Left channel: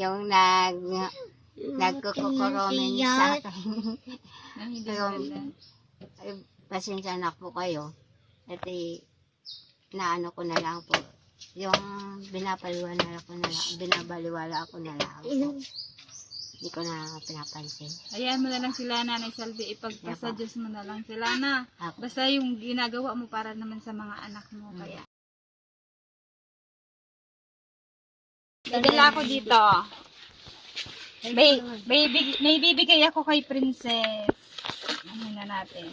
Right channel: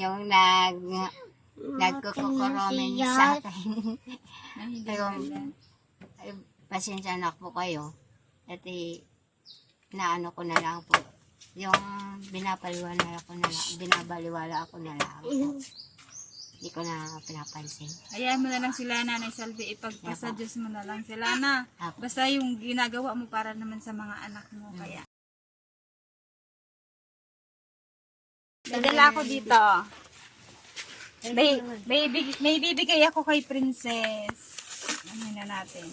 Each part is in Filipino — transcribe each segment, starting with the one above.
yung nagkukukuromen sa akin. Yung, pasensya na po kayo. At naano ko na lang po. Yung binabaliwala ako na lang. Hindi ko na pinapansin. Hayaan mo na lang sila, Nanay Salvi. Ipagpasa Diyos mo na lang sila na. Basta yung ginagawa mo para naman sa mga anak mo. Kaya. Nadala ako dito. May bibigay ako kay Princess. Ano na natin.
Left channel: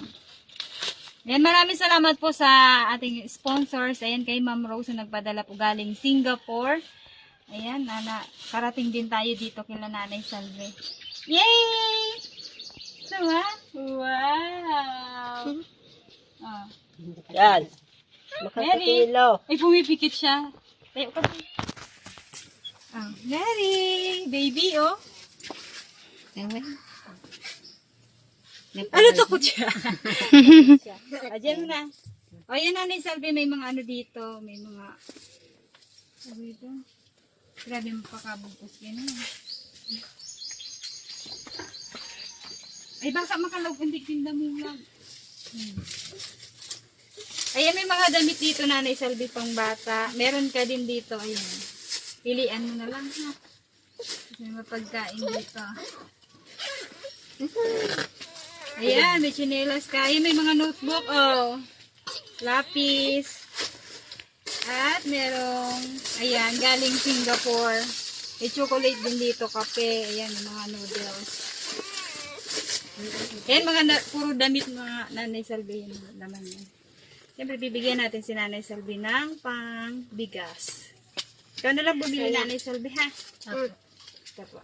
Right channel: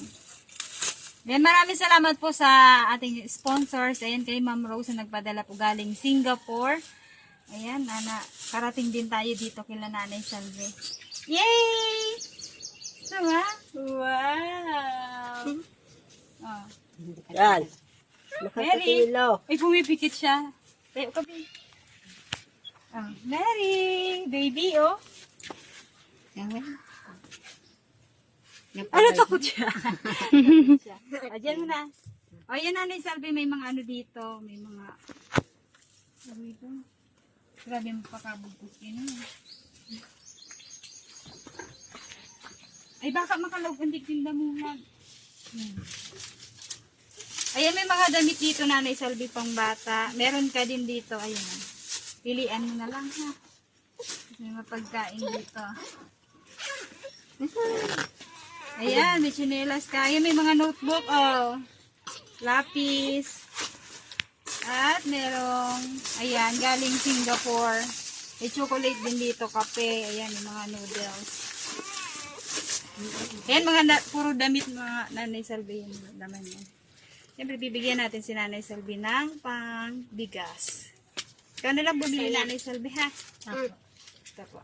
Yan, maraming salamat po sa ating sponsors. Ayan, kay Ma'am Rose na nagpadala po galing Singapore. Ayan, karating din tayo dito kila Nanay Salvi. Yay! Diba? Wow! Oh. Yan. Mary! Makakatilo. Ay, pumipikit siya. Tayo ka ba? Oh, Mary! Baby, oh. Ano takot siya? Ayan mo na. O, yan Nanay Salvi, may mga ano dito. May mga... Ano ito? Grabe mapakabugpos yun. Ay, baka makalog ang tigtinda mo lang. Ayan, may mga damit dito, Nanay Salvi, pang bata. Meron ka din dito, ayan. Pilian mo na lang, ha. May mapagkain dito. Ayan, may chinelas ka. Ayan, may mga notebook, oh. Lapis. At merong, ayan, galing Singapore. May chocolate din dito, kape. Ayan, yung mga noodles. Ayan, puro damit mga Nanay Salvi. Yan, naman yan. Siyempre, bibigyan natin si Nanay Salvi ng pang bigas. Ikaw na lang bumili, Nanay Salvi, ha? Ito po.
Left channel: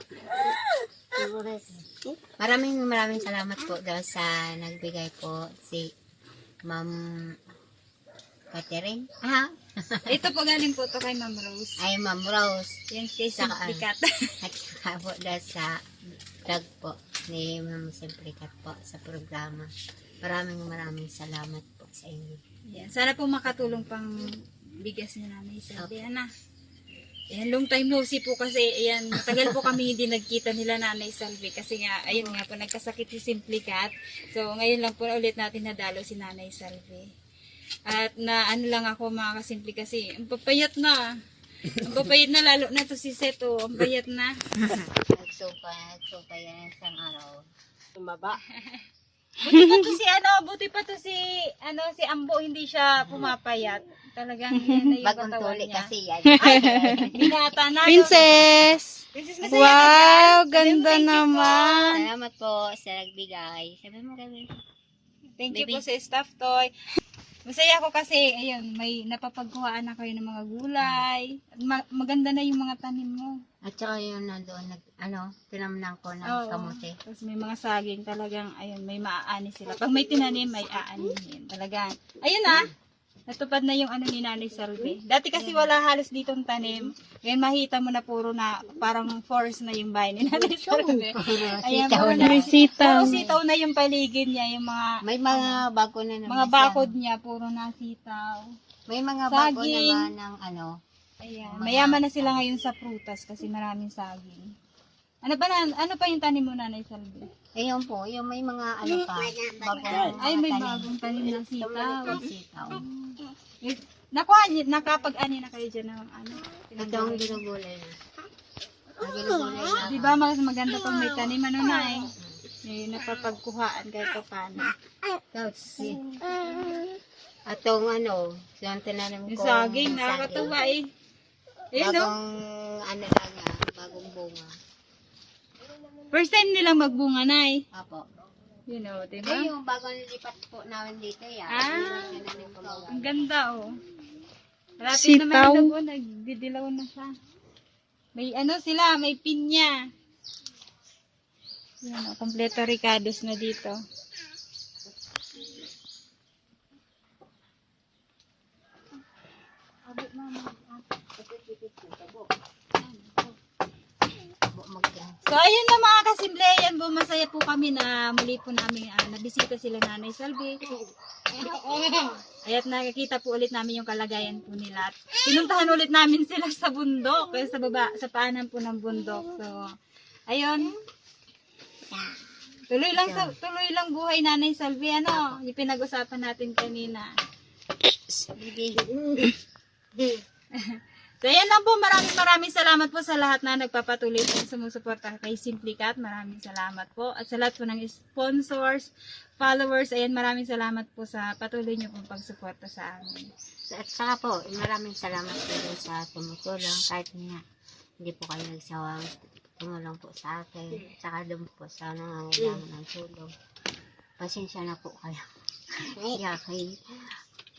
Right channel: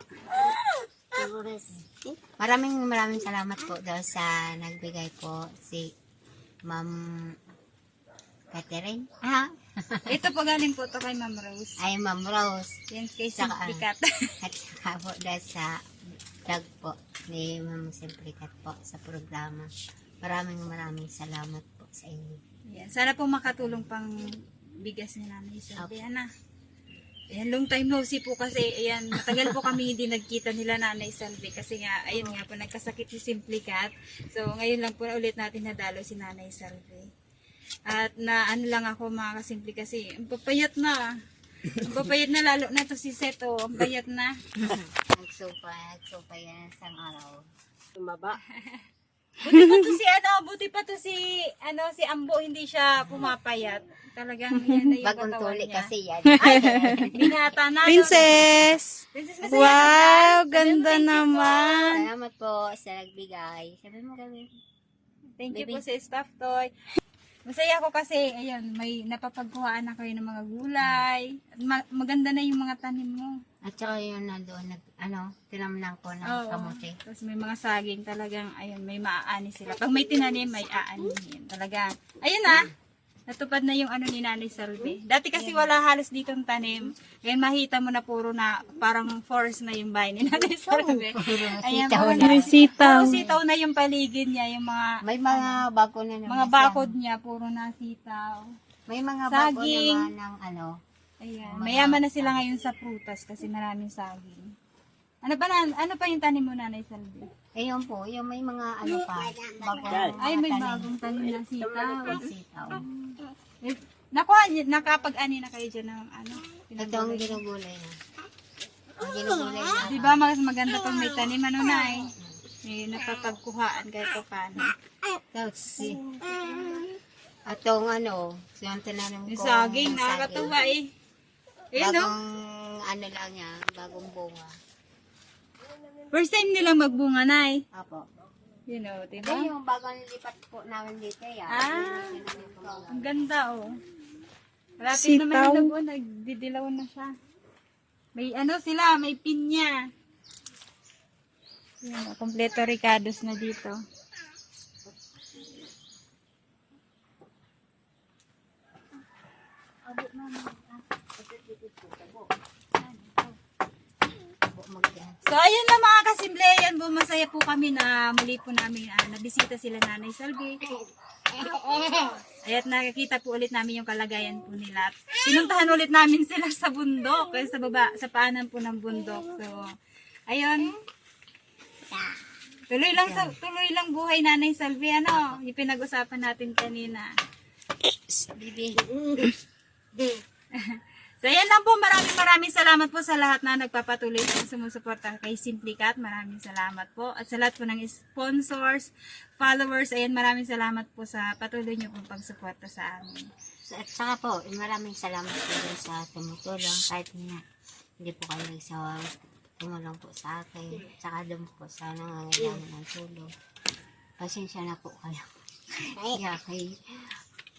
Maraming salamat po dahil sa nagbigay po si Ma'am Catherine. Ito po galing po to kay Ma'am Rose. Ay, Ma'am Rose. Yan kay Simplicat. At saka po dahil sa vlog po ni Ma'am Simplicat po sa programa. Maraming salamat po sa inyo. Yan. Sana po makatulong pang bigas ni Nanay Salvi. Ana. Ayan, long time no see po kasi, ayan, matagal po kami hindi nagkita nila Nanay Salvi kasi nga, ayun nga po, nagkasakit si Simplicat. So, ngayon lang po ulit natin nadalo si Nanay Salvi. At ano lang ako mga kasimple kasi, ang papayat na. Ang papayat na lalo na to si Seto, ang payat na. Nagsupa yan isang araw. Tumaba. Buti pa to si Ambo, hindi siya pumapayat. Talagang yan na yung Bagong katawan tuli niya. kasi yan. Ay, binata na. Princess! Princess, masaya Wow, ka? ganda Thank you po. naman. Salamat po sa nagbigay. Sabi mo kami. Thank you Baby. po sa stuffed toy. Masaya ako kasi, ayun, may napapagkuhaan na kayo ng mga gulay. At maganda na yung mga tanim mo. At saka yun na doon, tinamnan ko ng Oo. kamote. Tapos may mga saging talagang, ayun, may maaani sila. Pag may tinanim, may aanihin. Talagang, ayun na. Natupad na yung ano ni Nanay Salvi. Dati kasi wala halos ditong tanim. Ngayon makita mo na puro na, parang forest na yung bahay ni Nanay Salvi. Ayan, Sitaw puro na. May sitaw. Puro sitaw na yung paligid niya, yung mga May mga bago na naman. mga siya. bakod niya, puro na sitaw. May mga bago Saging. naman ng Ayan, mayaman na sila ngayon sa prutas kasi maraming saging. Ano pa yung tanim mo, Nanay Salvi? Ayun po, yung may mga bago. Ay, may bagong tanim na sitaw. Sitaw. Nakapag-ani na kayo dyan ng ano? Ito ang ginugulay na. Ang ginugulay na. Di ba mas maganda pag may tanim, ano na eh? May napapagkuhaan kahit pa paano. Tapos, atong yung tinanim Yung ko. saging, nakakatawa eh. Eh, no? Bagong lang niya, bagong bunga. First time nilang magbunga na eh. Apo. You know, di Ito ba? yung bagong lipat po namin dito yan. Ah. Yung tinanim ko mga. Ang ganda oh. Malapit naman Sitaw. yung lago, nagdidilaw na siya. May sila, may pinya. Yan, kompleto ricados na dito. So, ayun na mga kasimple, yan po, masaya po kami na muli po namin nabisita sila Nanay Salvi. At nakikita po ulit namin yung kalagayan po nila. At pinuntahan ulit namin sila sa bundok, sa baba, sa paanan po ng bundok. So, ayun. Tuloy lang buhay Nanay Salvi, ano, yung pinag-usapan natin kanina. So, ayan lang po. Maraming salamat po sa lahat na nagpapatuloy po sumusuporta kay Simply Cat. Maraming salamat po. At sa lahat po ng sponsors, followers, ayan, maraming salamat po sa patuloy niyo pong pagsuporta sa amin. At saka po, maraming salamat po dun sa tumutulong. Kahit nga, hindi po kayo nagsawang tumulong po sa akin. Saka doon po sa nangangailangan ng tulong. Pasensya na po kayo. Kaya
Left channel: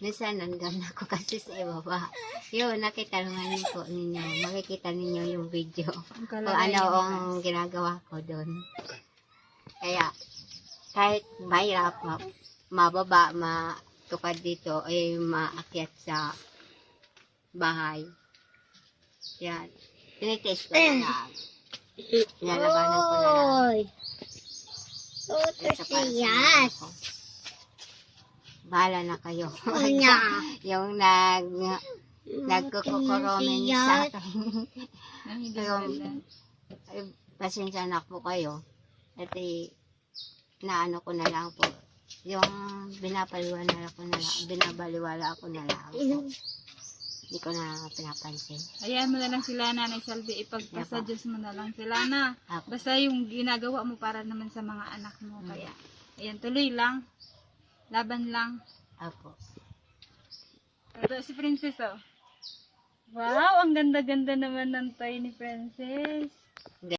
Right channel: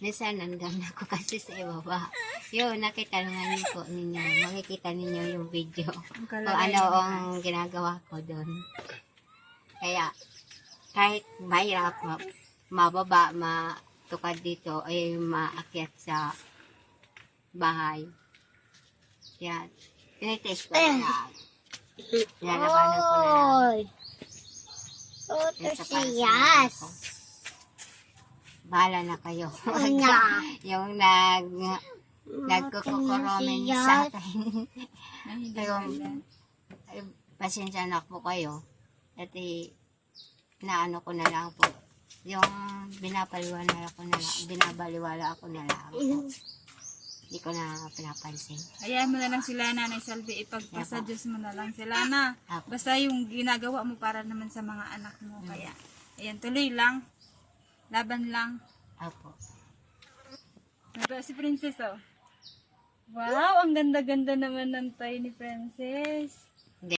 minsan nandun ako kasi sa ibaba. Yun, nakita naman niyo po ninyo. Makikita ninyo yung video. Kung ano ang ginagawa ko doon. Kaya, kahit mahirap, mababa, matukad dito, ay maakyat sa bahay. Yan. Tinitest ko na lang. Lalabanan ko na lang. Yes. Bahala na kayo. Yung nagkukukuromen sa akin. Ay, pasensya na po kayo. At naano ko na lang po. Yung binabaliwala ko na lang. Hindi ko na pinapansin. Hayaan mo na lang sila, Nanay Salvi, ipagpasa Diyos mo na lang sila na. Basta yung ginagawa mo para naman sa mga anak mo. Kaya, ayan, tuloy lang. Laban lang. Apo. Ito si Princess, oh. Wow, ang ganda-ganda naman ng toy ni Princess.